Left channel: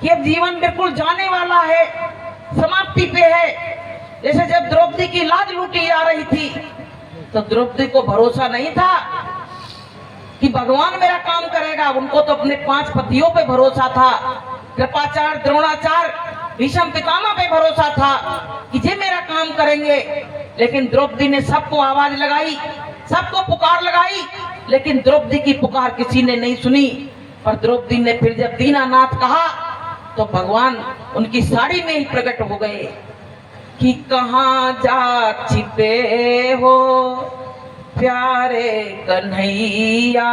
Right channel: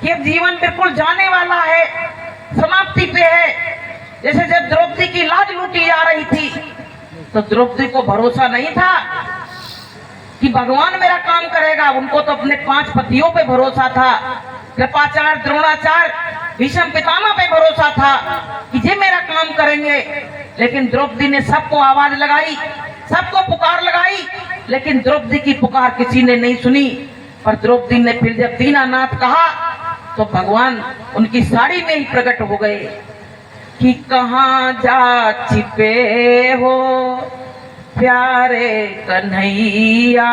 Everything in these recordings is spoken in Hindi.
कि अब जीवन बिल्कुल जाने वाला है, समाप्ति पे है। जैसे जब द्रौपदी की लाज लूटी जा रही थी तो द्रौपदी को भरोसा नहीं था कि भगवान मेरा काम करेगा। उनको तो अपने 5 पतियों पे भरोसा था, कृपाचार्य, द्रोणाचार्य, भीष्म पितामह पे भरोसा था कि ये मेरा काम करेंगे। लेकिन द्रौपदी ने सबको आवाज लगाई, सबको पुकार लगाई, लेकिन द्रौपदी की पुकार किसी ने नहीं सुनी। पर द्रौपदी ने फिर जब दीनानाथ कहा तो भगवान उनकी साड़ी में ही प्रकट हो गए कि कहाँ जा छिपे हो प्यारे कन्हैया,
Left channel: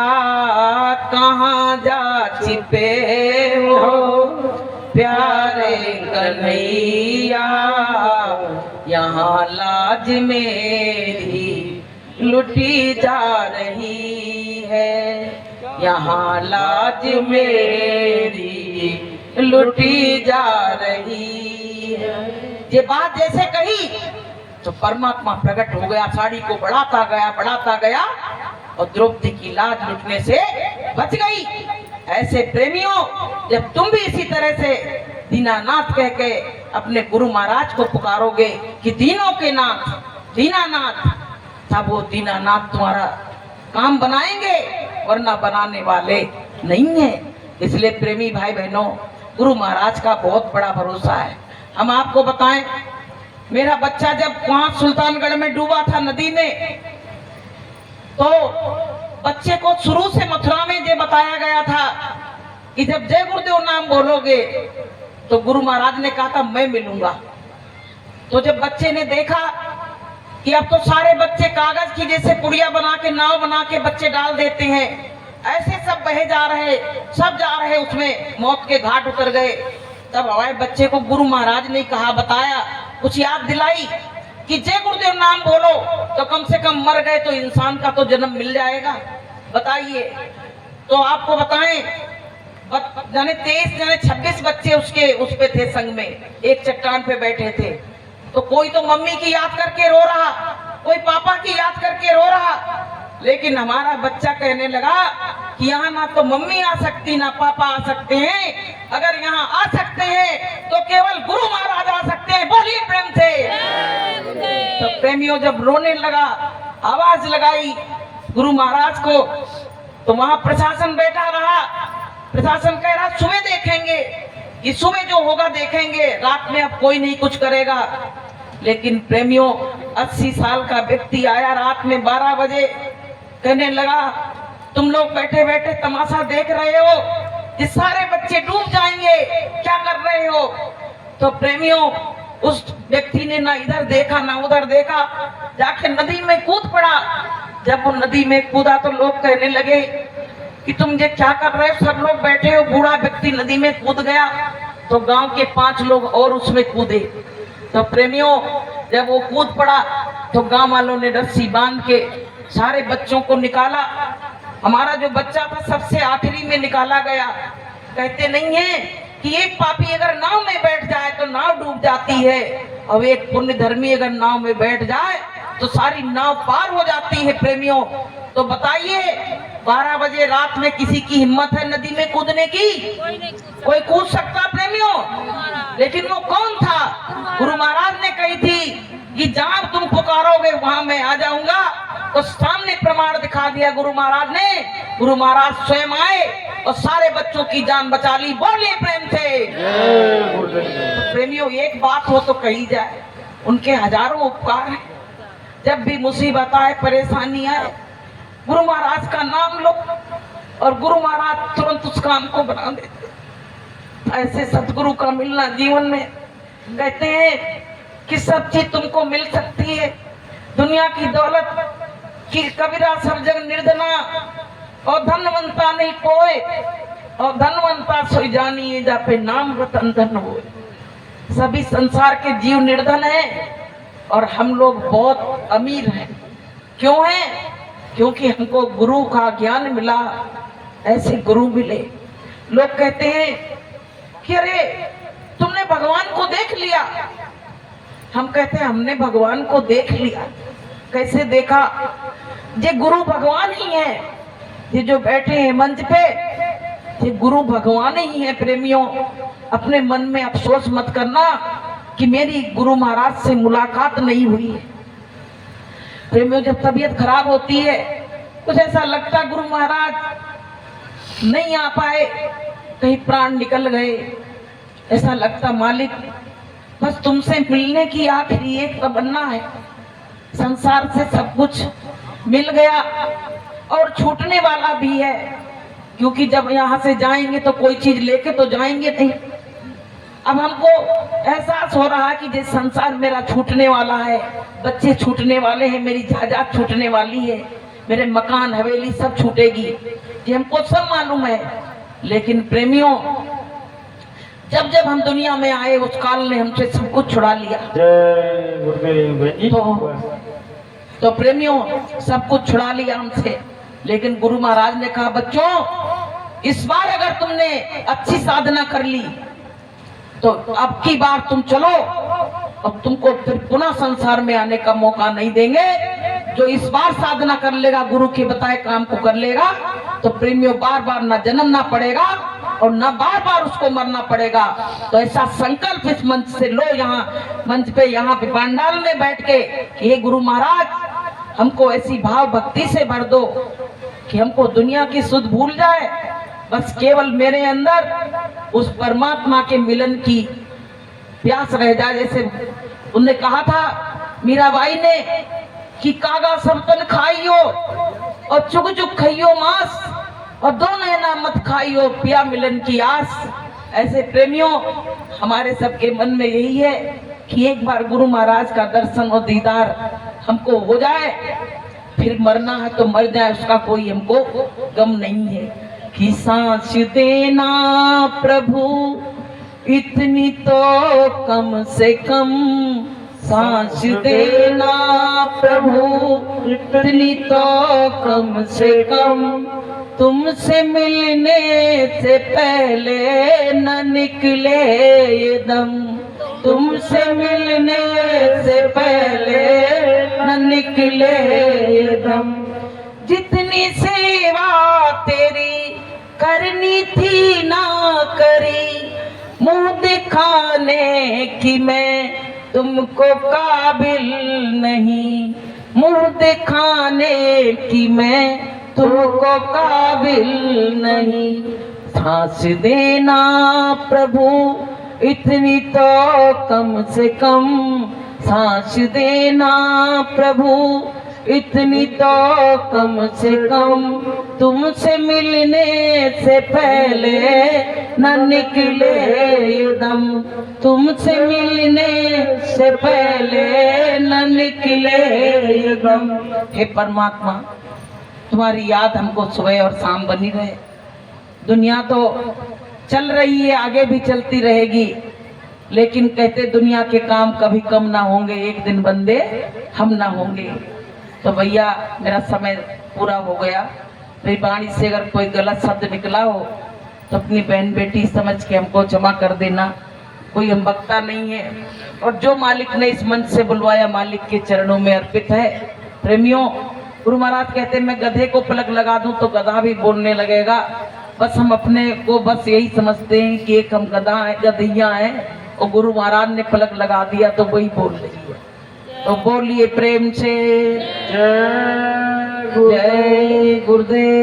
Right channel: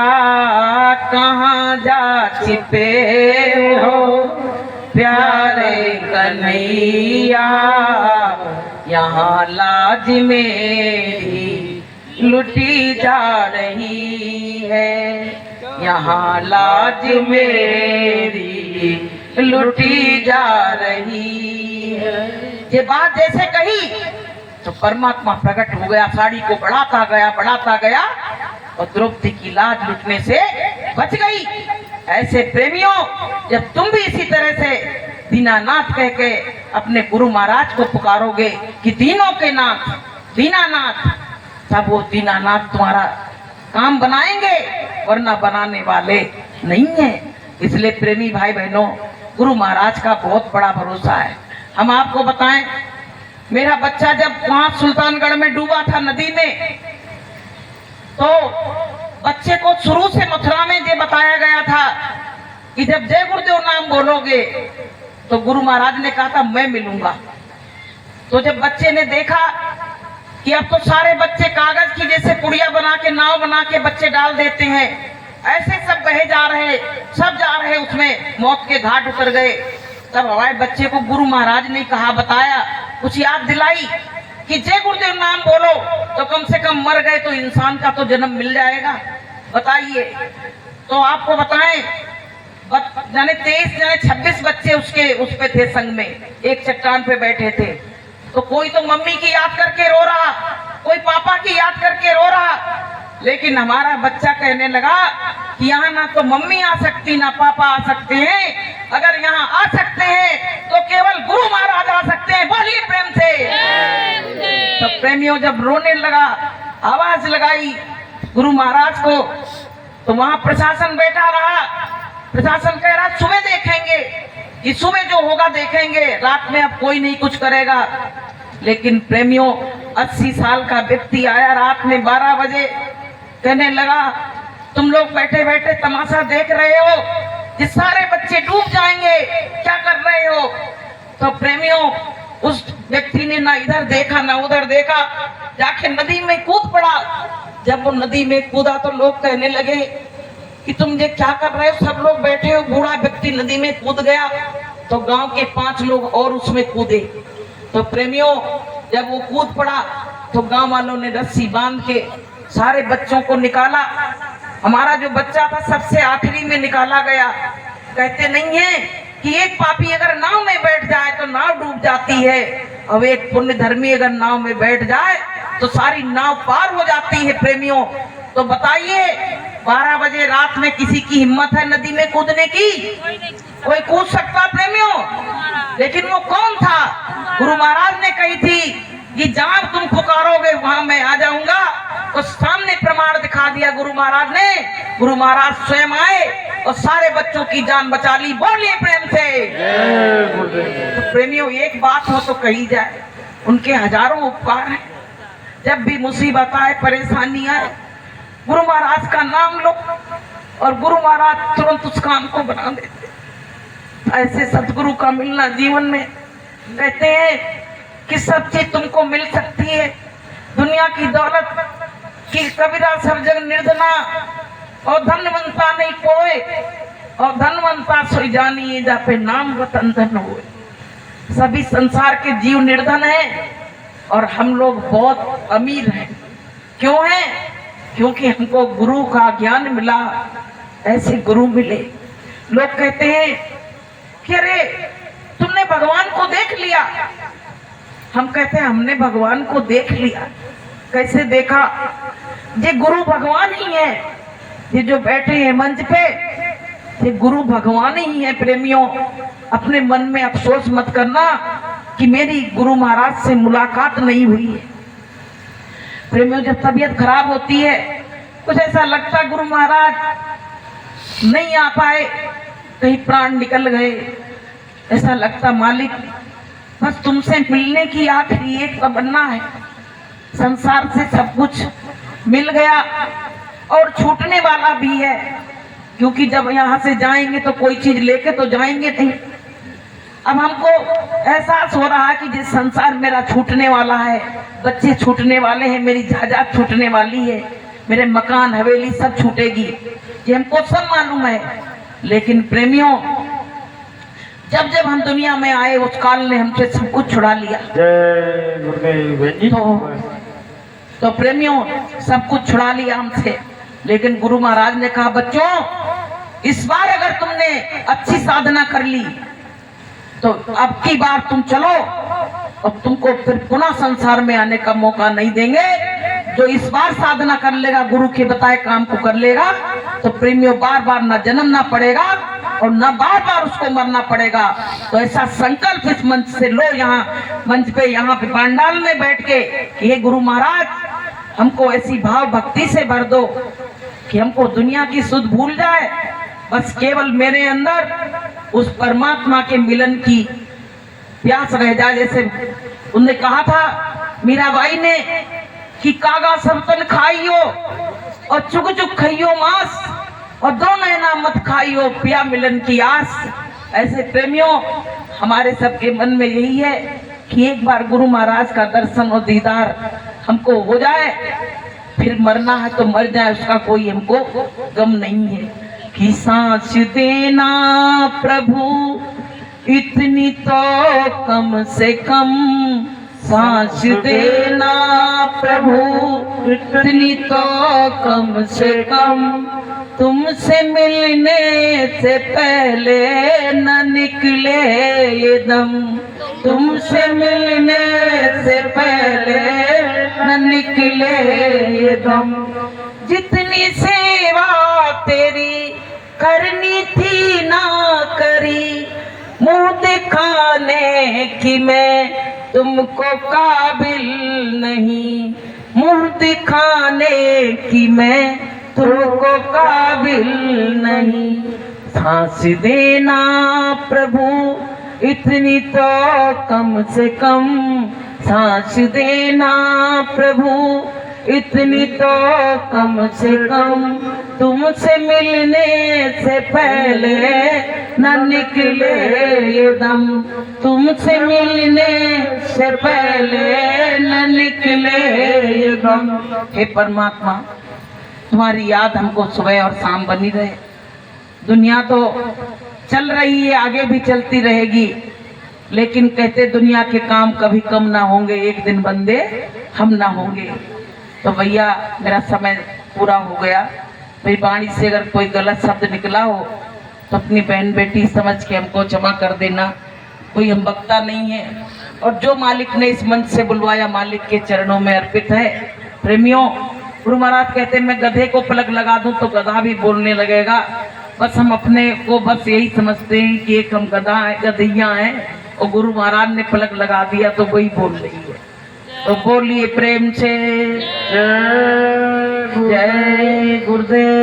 कहाँ जा छिपे हो प्यारे कन्हैया, यहाँ लाज मेरी लुटी जा रही है, यहाँ लाज मेरी लुटी जा रही है। ये बात जैसे कही तो परमात्मा प्रकट हो गया, साड़ी को बढ़ाता गया और द्रौपदी की लाज लुटने से बच गई। ऐसे प्रेमियों, जब तुम भी इसी तरह से दीनानाथ कह के अपने गुरु महाराज को पुकारोगे कि दीनों के नाथ दीनानाथ, तब वो दीनानाथ तुम्हारा काम बनाएंगे, वरना बनाने वाले नहीं है। इसलिए प्रेमी भाई बहनों, गुरु महाराज का बहुत बड़ा भरोसा है। हम आपको बताएं, मेरा बच्चा जब वहां सुल्तानगढ़ में डूबा था नदी में, तो बच्चे को शुरू से मथुरा में ये बताया गया था कि जब जय गुरुदेव नाम बोलोगे तो गुरु महाराज ने कहा था मैं मिलूंगा। तो जब बच्चे ने देखा कि अब तो सारे बच्चे कागज की जैसे पुड़िया बना के, नाव बना के बच्चे डाल देते हैं, ऐसे सब बहे जा रहे, सब जा रहे, उसमें मौत के घाट उतर गए। तब हमारे बच्चे को गुरु महाराज ने कहा, बताया, कुछ याद दिलाई कि जय गुरुदेव नाम बोलो तो कम से कम मर गए तो इंसान का तो जन्म मिल जाएगा। बताइए, तो आपको बताएं, जाने 23 जाने 26 बच्चे उसके उस पे थे, संग में एक चट्टान पे बैठे थे। तो कोई तो मम्मी की याद करके रो रहा, कोई पापा की याद करके रो रहा, लेकिन हमारा बच्चा कहने लगा कि यहाँ ना तो मम्मी आ सकती ना पापा आ सकते हैं, अगर यहाँ आ सकते हैं तो केवल गुरु महाराज आ सकते हैं। बोलिए प्रेम से। तो प्रेमियों जब रोने लगा, आवाज लगाई गुरु महाराज को, तो वहां प्रशासन बैठा रहा। प्रशासन कह रहा सुबह देखेंगे, कि सुबह जो होगा देखेंगे, रात में अब कोई नहीं कुछ करेगा। लेकिन प्रेमियों, 80 साल का व्यक्ति आया रात में 12 बजे, कहने लगा तुम लोग बैठे बैठे तमाशा देख रहे हो, ये सारे बच्चे डूब जाएंगे, क्या कर रहे हो? तो प्रेमियों, उस व्यक्ति ने ना इधर देखा ना उधर देखा, जाके नदी में कूद पड़ा। जब वो नदी में कूदा तो लोग कहने लगे कि तुम ये क्या कर रहे हो, सब लोग बैठे हो, बूढ़ा व्यक्ति नदी में कूद गया। तो गांव के 5 लोग और उसमें कूदे। तो प्रेमियों, जब वो कूद पड़ा तो गांव वालों ने रस्सी बांध के सारे बच्चों को निकाला। हमारा जो बच्चा था सबसे आखिरी में निकाला गया। कहते नहीं है कि एक पापी अगर नाव में बैठ जाए तो नाव डूब जाती है, और एक पुण्य धर्मी अगर नाव में बैठ जाए तो सारी नाव पार हो जाती है। प्रेमियों, तो बताइए, 12 बजे रात में किसी की हिम्मत है नदी में कूदने की? कोई कूद सकता प्रेमियों? लेकिन वो कौन था? गुरु महाराज ने कही थी कि जहां तुम पुकारोगे वहां मैं आ जाऊंगा। तो सामने प्रमाण दिखा दिया गुरु महाराज ने। गुरु महाराज स्वयं आए और सारे बच्चों की जान बचा ली। बोलिए प्रेम से। तो प्रेमियों, एक बात हो तो कही जाए, उनके हजारों उपकार हैं। जब भी मुसीबत आए, परेशानी आए, गुरु महाराज का नाम लो और गुरु महाराज तुरंत उस काम को बना देते। ऐसे सतगुरु का मिलना जीवन में, कहते हैं कि सब चीज तुमको मिल सकती है, दुनिया की दौलत की कबीरा सब जग निर्धना, और धनवंता नहीं कोई, और धनवंता सोई जानिए जा पे नाम रतन धन होए। सभी संसार के जीव निर्धन हैं और हम लोग बहुत अमीर हैं। क्यों हैं? क्योंकि हमको गुरु का ज्ञान मिला, ऐसे गुरु मिले। लोग कहते हैं कि अरे तुमने भगवान को देख लिया। हम कहते हैं हमने भगवान को देख लिया। कैसे देखा? ये गुरु भगवान ही है। ये जो बैठे हैं मंच पे, ये गुरु भगवान ही है प्रेमियों। अपने मन में अफसोस मत करना कि मेरी गुरु महाराज से मुलाकात नहीं हुई है। प्रेमियों, जब तबीयत खराब होती है, कुछ ऐसा लगता गुरु महाराज नहीं आ पाए, कहीं प्राण निकल गए, ऐसा लगता मालिक बस तुमसे मिलने की आखिरी एक तमन्ना है। संसार से सब कुछ मिल गया और छूटने वाला भी है, क्योंकि जब यहाँ से जाएंगे तो कोई चीज लेके तो जाएंगे नहीं। अब हमको एहसास हो रहा है कि जिस संसार मेरा छूटने वाला है, बच्चे छूटने वाले हैं, मेरी जायदाद छूटने वाली है, मेरे मकान हवेली सब छूटेगी, ये हमको सब मालूम है। लेकिन प्रेमियों, जब जब हम दुनिया में आए उस काल ने हमसे सब कुछ छुड़ा लिया। तो प्रेमियों, सब कुछ छुड़ा लिया हमसे। लेकिन गुरु महाराज ने कहा, बच्चों इस बार अगर तुमने अच्छी साधना कर ली तो अब की बार तुम चलो, अब तुमको फिर पुनः संसार में आने का मौका नहीं देंगे। जो इस बार साधना कर लेगा, गुरु के बताए काम को कर लेगा, तो प्रेमियों बार बार न जन्मना पड़ेगा और न बार बार उसको मरना पड़ेगा। तो ऐसा संकल्प इस मंच से लो, यहाँ मंच पे, यहाँ पे पांडाल में बैठ के कि हे गुरु महाराज, हमको ऐसी भाव भक्ति से भर दो कि हमको दुनिया की सुध भूल जाए, बस केवल मेरे अंदर उस परमात्मा के मिलन की प्यास रह जाए। जैसे उनने कहा था मीराबाई ने कि कागा सब तन खाइयो और चुग चुग खाइयो मांस, और दो नैना मत खाइयो पिया मिलन की आस। ऐसे प्रेमियों, हमारे सबके मन में यही है कि एक बार गुरु महाराज का दर्शन और दीदार हमको हो जाए, फिर मरना है तो मर जाए, उसका कोई हमको गम नहीं है। कि सांस देना प्रभु इतनी तो कम से कम, सांस देना प्रभु इतनी तो कम से कम, तुमसे मिलने से पहले न निकले ये दम, तुमसे मिलने से पहले न निकले ये दम। जितनी सेवा तेरी करनी थी ना करी, मुंह दिखाने की मैं तुमको काबिल नहीं, मुंह दिखाने की मैं तुमको काबिल नहीं। सांस देना प्रभु इतनी तो कम से कम, सांस देना प्रभु इतनी तो कम से कम, तुमसे मिलने से पहले न निकले ये दम, तुमसे मिलने से पहले न निकले ये दम। हे परमात्मा, तुम्हारी याद हमको सुबह और शाम बनी रहे। दुनिया तो चल रही है, आगे भी चलती रहेगी, लेकिन कहते दुनिया के काम कभी कम ना होंगे, एक दिन बंदे हम ना होंगे। तो भैया, मेरा समय पूरा हो गया। मेरी वाणी से अगर कोई गलत शब्द निकला हो तो अपनी बहन बेटी समझ के हमको क्षमा कर देना। कोई हम वक्ता नहीं है, और जो मालिक ने इस मंच से बुलवाया मालिक के चरणों में अर्पित है। प्रेमियों, गुरु महाराज कहते हैं मैं गधे को पलक लगा दूं तो गधा भी बोलने लगेगा। बस हम अपने को बस यही समझते हैं कि एक हम गधा है, गधैया हैं, और गुरु महाराज ने पलक लगा दिया तो वही बोल रही है। तो बोलिए प्रेम से जय गुरुदेव।